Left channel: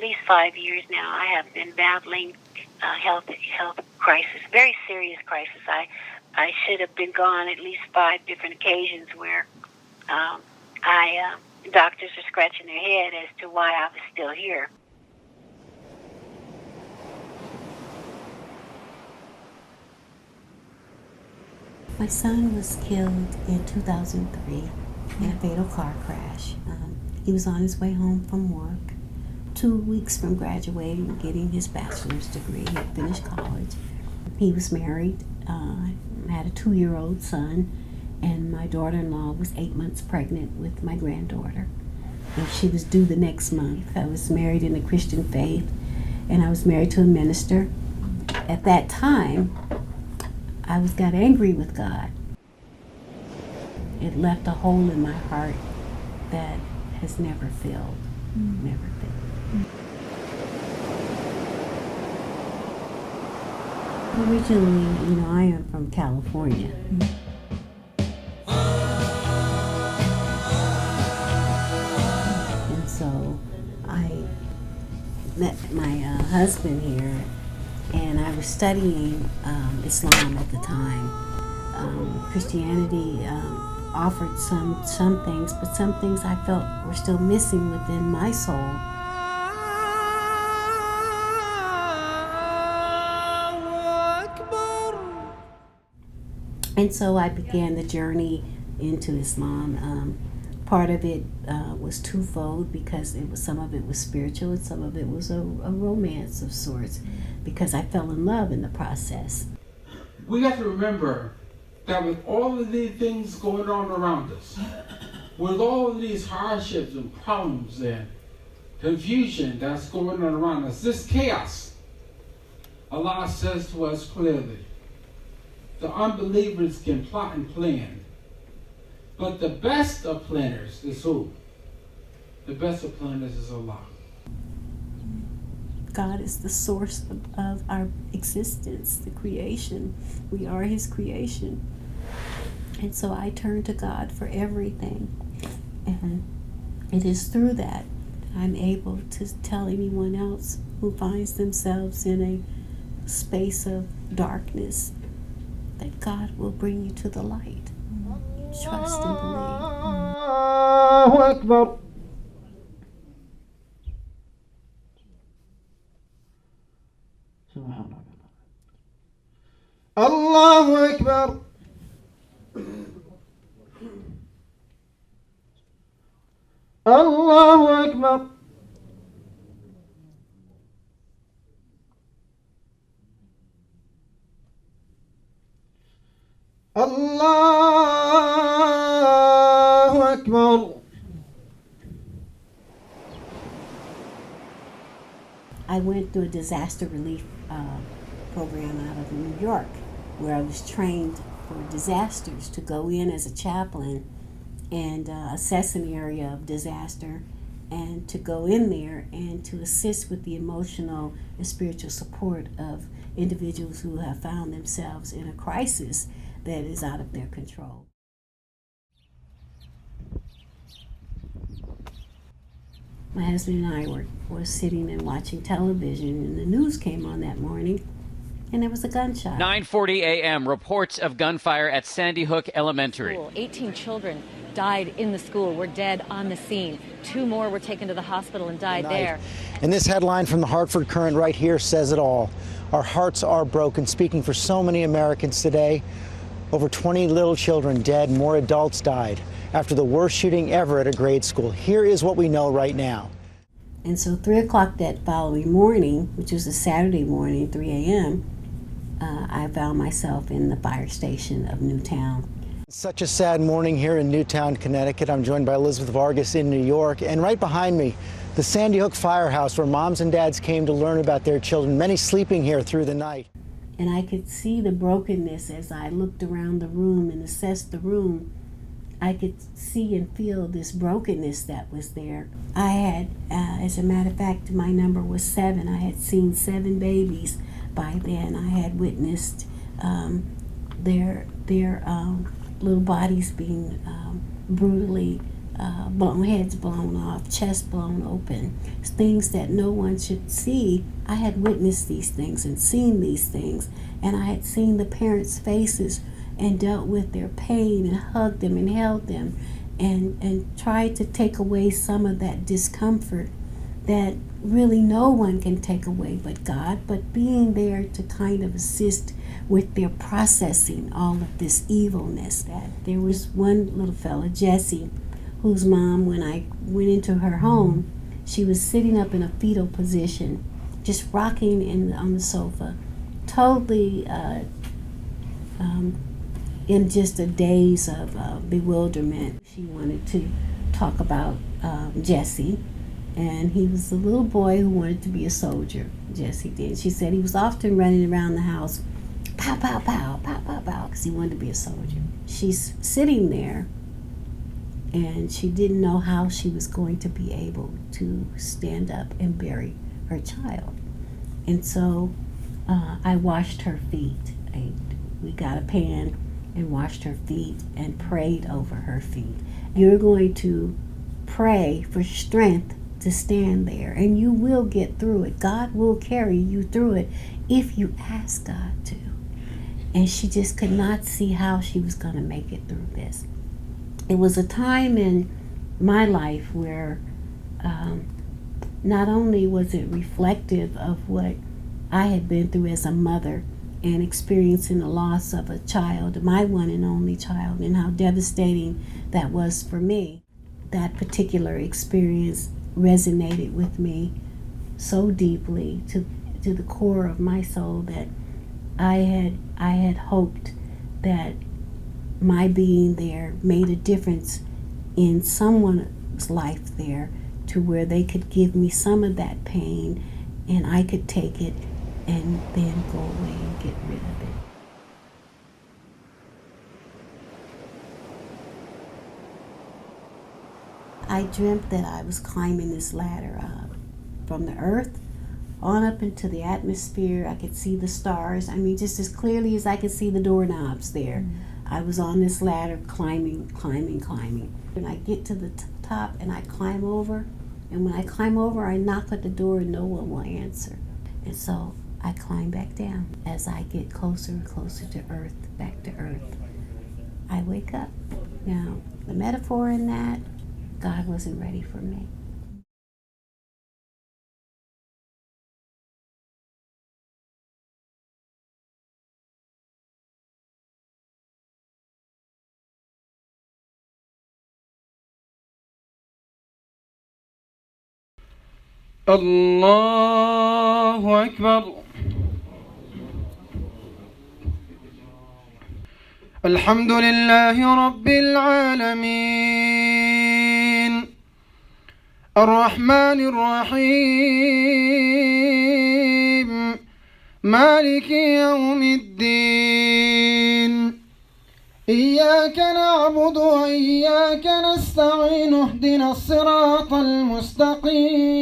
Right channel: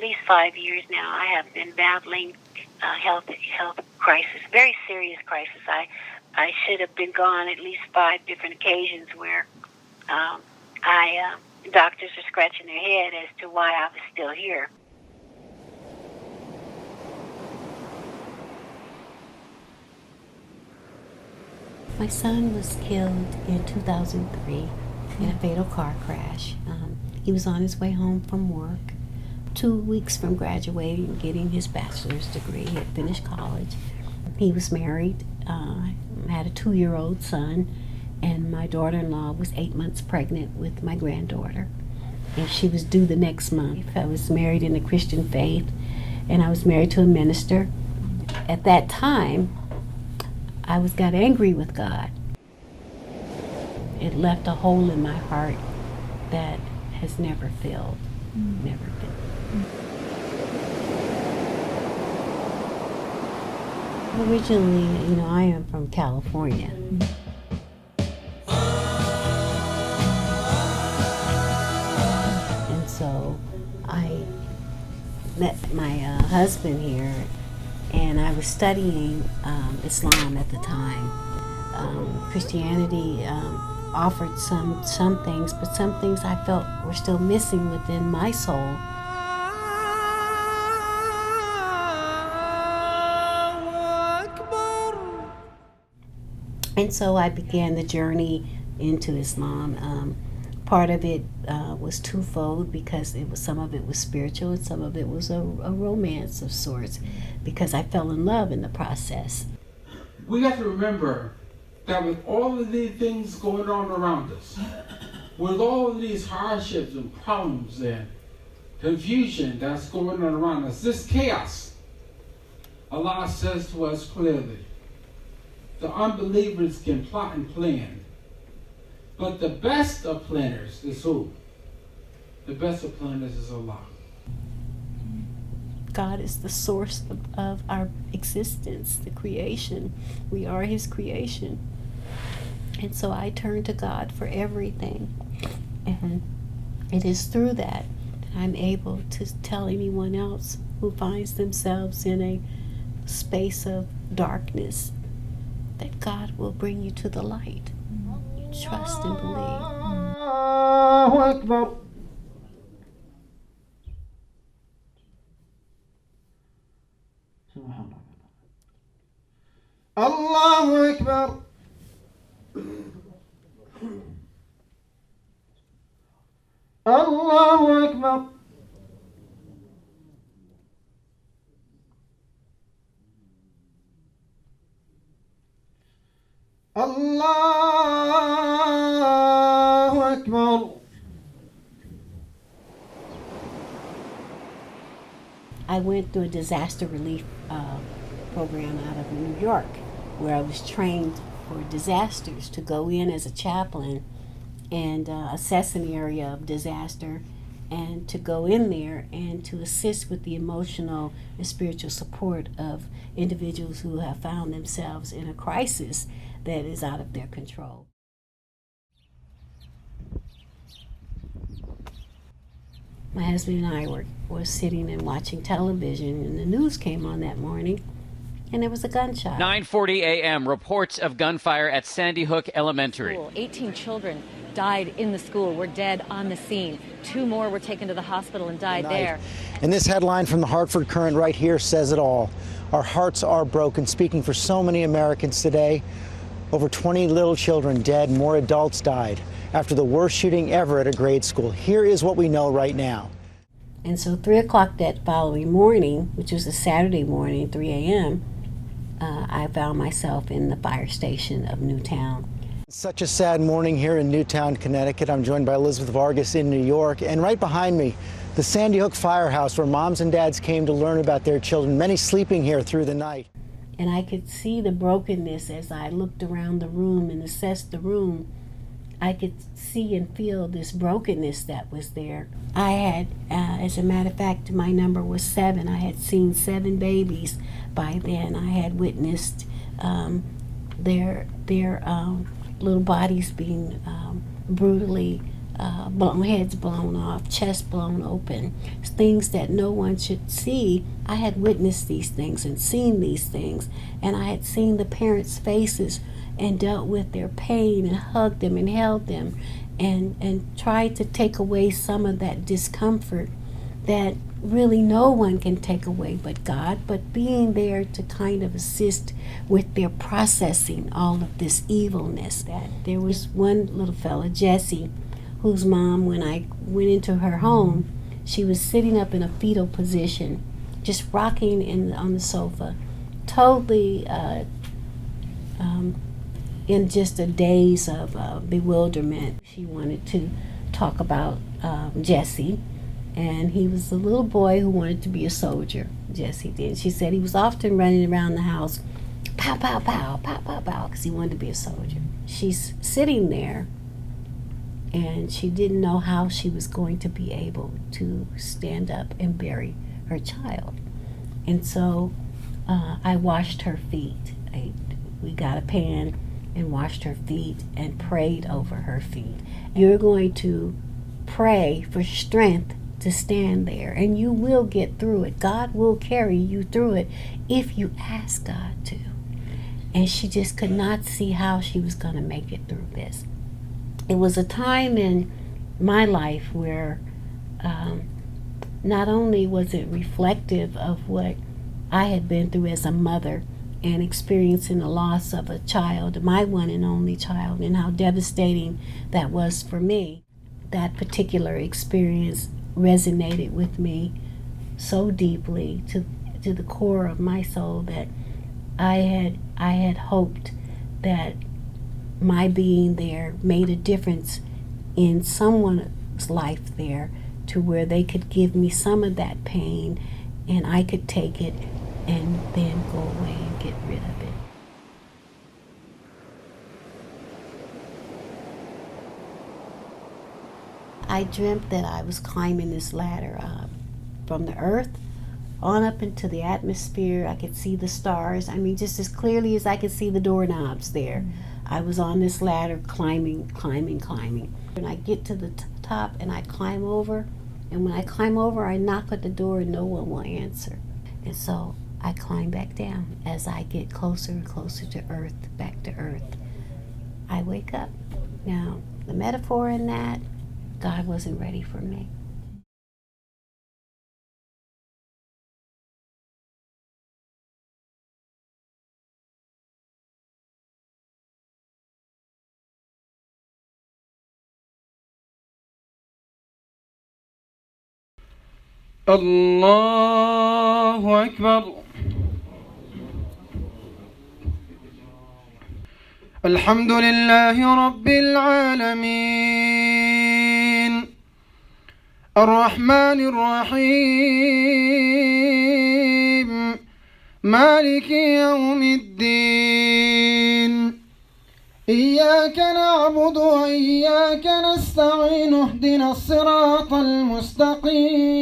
least 5 years now, I have been battling health crisis, very serious crisis. I should have been gone at least 5 different occasions where doctors are scratching their head as to why I was still here. My son was killed in 2003 in a fatal car crash. He was on his way home from work, 2 weeks from graduating, getting his bachelor's degree. He had finished college. He was married, had a 2-year-old son, and my daughter-in-law was 8 months pregnant with my granddaughter. And she was due the next month. I was married in the Christian faith, and I was married to a minister. At that time, I got angry with God. It left a hole in my heart that has never filled, never filled. Originally, I am from California. And so I met my husband here, and I was studying Islam at the time. Christianity offered some things, but some things I felt were still missing within my soul. And so I began the journey into Islam. Part of it was twofold, because some of it was spiritual and some of it was a romance of sorts, because I fell in love in the process. We have to remember that with all of these things going on around us, with all of these hardships and problems and confusion that's going on around us, this chaos, Allah says to us clearly, the unbelievers can plot and plan, but the best of planners is who? The best of planners is Allah. God is the source of our existence, the creation. We are His creation. And so I turn to God for everything. And it is through that I'm able to tell anyone else who finds themselves in a space of darkness that God will bring you to the light. Trust and believe. Allahu Akbar. Allahu Akbar. Allahu Akbar. Allahu Akbar. I went through a disaster relief program out of New York, where I was trained for disasters to go in as a chaplain and assess an area of disaster, and to go in there and to assist with the emotional and spiritual support of individuals who have found themselves in a crisis that is out of their control. My husband and I were sitting and watching television, and the news came on that morning, and there was a gunshot. 9:40 a.m. Reports of gunfire at Sandy Hook Elementary. 18 children died in the school, were dead on the scene. 2 more were taken to the hospital and died there. And this headline from the Hartford Current right here says it all. Our hearts are broken, speaking for so many Americans today. Over 20 little children dead, more adults died after the worst shooting ever at a grade school. Here is what we know right now. And so 3 o'clock that following morning, which was a Saturday morning, 3 a.m., I found myself in the fire station of Newtown. Such a sad morning here in Newtown, Connecticut. I'm joined by Elizabeth Vargas in New York, and right behind me, the Sandy Hook Firehouse, where moms and dads came to learn about their children, many sleeping here through the night. And I could see the brokenness as I looked around the room and assessed the room. I could see and feel this brokenness that was there. I had, as a matter of fact, my number was 7. I had seen 7 babies by then. I had witnessed their little bodies being brutally heads blown off, chests blown open, things that no one should see. I had witnessed these things and seen these things, and I had seen the parents' faces and dealt with their pain and hugged them and held them and tried to take away some of that discomfort that really no one can take away but God, but being there to kind of assist with their processing all of this evilness. That there was one little fella, Jesse, whose mom, when I went into her home, she was sitting up in a fetal position, just rocking on the sofa, totally in just a daze of bewilderment. She wanted to talk about Jesse, and he was a little boy who wanted to be a soldier. Jesse did. She said he was often running around the house, pow, pow, pow, pow, pow, pow, because he wanted to be a soldier. She's sitting there, and she didn't know how she was going to be able to stand up and bury her child. And so I washed her feet. We got a pan and washed her feet and prayed over her feet. You're going to pray for strength to stand there, and you will get through it. God will carry you through it if you ask God to. And she just could not see how she was going to make it through this. It was a time in my life where not only was it reflective of what I had been through as a mother and experiencing the loss of a child, my one and only child, and how devastating that was for me. That particular experience resonated with me so deeply to the core of my soul that I had hoped that my being there made a difference in someone's life there, to where they could give me some of that pain and I could take it and then go away and get rid of it. I dreamt that I was climbing this ladder from the earth on up into the atmosphere. I could see the stars. I mean, just as clearly as I could see the doorknobs there. I was on this ladder climbing. And I get to the top and I climb over. And when I climb over, I knock at the door and no one will answer. And so I climb back down. As I get closer and closer to earth, back to earth, I wake up. Now, the metaphor in that, God wasn't ready for me. الله أكبر. الحمد لله رب العالمين الرحمن الرحيم مالك يوم الدين إياك نعبد وإياك نستعين اهدنا الصراط المستقيم